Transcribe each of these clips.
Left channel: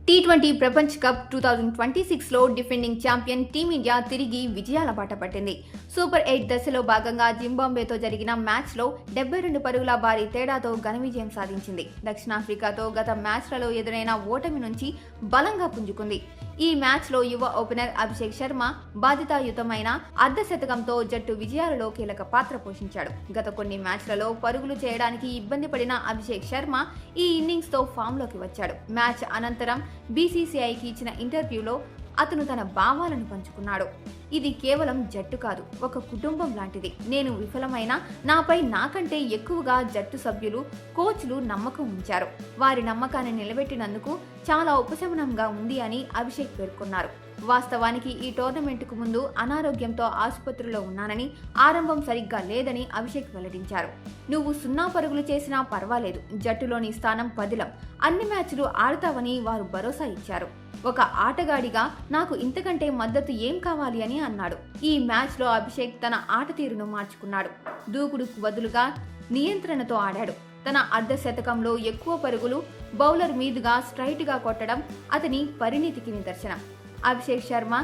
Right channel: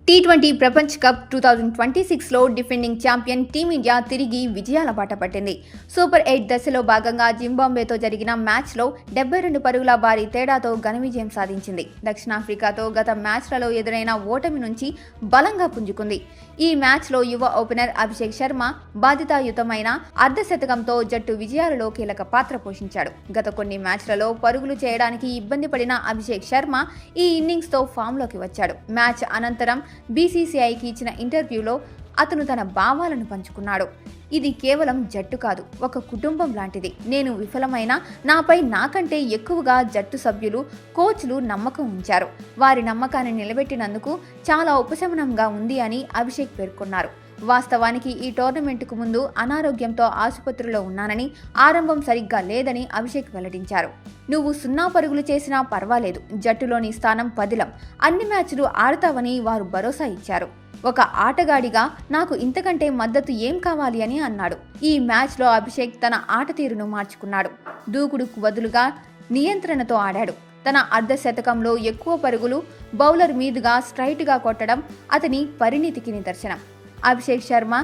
T20 ప్రపంచ cup 2026లో defending champion team India తిరిగి విజయాల బాట పట్టింది. సూపర్ 8 దశలో భాగంగా జింబాబ్వేతో జరిగిన మ్యాచ్లో 72 పరుగుల భారీ తేడాతో ఘన విజయం సాధించింది. దక్షిణాఫ్రికాతో గత మ్యాచ్లలో ఎదురైన ఓటమి నుంచి బలంగా పుంజుకుంది. ఈ మ్యాచ్లో యువ ఓపెనర్ అభిషేక్ శర్మ బాధ్యతాయుతమైన అర్ధశతకంతో జట్టు విజయాలలో కీలక పాత్ర పోషించాడు. గత కొన్ని మ్యాచ్లలో పరుగులు చేయడానికి ఇబ్బంది పడిన అభిషేక్ శర్మ ఈ ఇన్నింగ్స్తో ఫామ్లోకి వచ్చాడు. మ్యాచ్ అనంతరం బీసీసీఐకి ఇచ్చిన ఇంటర్వ్యూలో అతను తన భావాలను పంచుకున్నాడు. ఇది కేవలం జట్టు కాదు, ఒక కుటుంబం లాంటిది. నేను విఫలమైన నాపై నాకంటే ఎక్కువగా జట్టు సభ్యులు, కోచ్లు నమ్మకం ఉంచారు. వారి నమ్మకాన్ని నిలబెట్టినందుకు చాలా ఉపశమనంగా ఉంది అని అభిషేక్ పేర్కొన్నారు. వాస్తవానికి ఈ టోర్నమెంటుకు ముందు అనారోగ్యంతో ఆసుపత్రిలో ఉన్నానని, ఆరంభం సరిగ్గా లేదని అభిషేక్ వెల్లడించారు. నువ్వు 0 పరుగులు చేసినా పర్వాలేదు, జట్టులోని స్థానం పదిలం, అన్ని మ్యాచ్లు ఆడతావని వారు భరోసా ఇచ్చారు. ఒక ఆటగాడిగా నాకు ఇంతకంటే మద్దతు ఏం కావాలి అని అన్నాడు. ఈ మ్యాచ్లో అభిషేక్ తన ఆట తీరును మార్చుకున్నాడు. దూకుడుకు బదులుగా నియంత్రణతో ఆడాడు. తన అర్ధశతకంలో ఎక్కువ పరుగులు బౌలర్ మీదుగా స్ట్రైట్గా కొట్టడం అతని పరిణితికి నిదర్శనం. అభిషేక్ శర్మ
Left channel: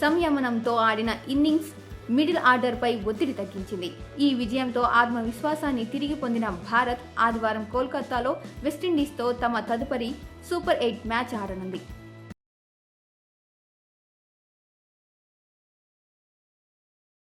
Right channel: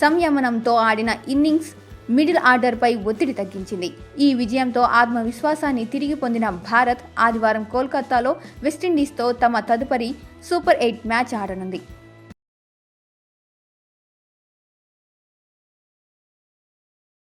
సంయమనంతో ఆడిన ఇన్నింగ్స్ మిడిల్ ఆర్డర్పై ఒత్తిడి తగ్గించింది. ఈ విజయంతో ఆత్మవిశ్వాసాన్ని తిరిగి పొందిన భారత్ ఆదివారం కోల్కతాలో వెస్టిండీస్తో తమ తదుపరి సూపర్ 8 మ్యాచ్ ఆడనుంది.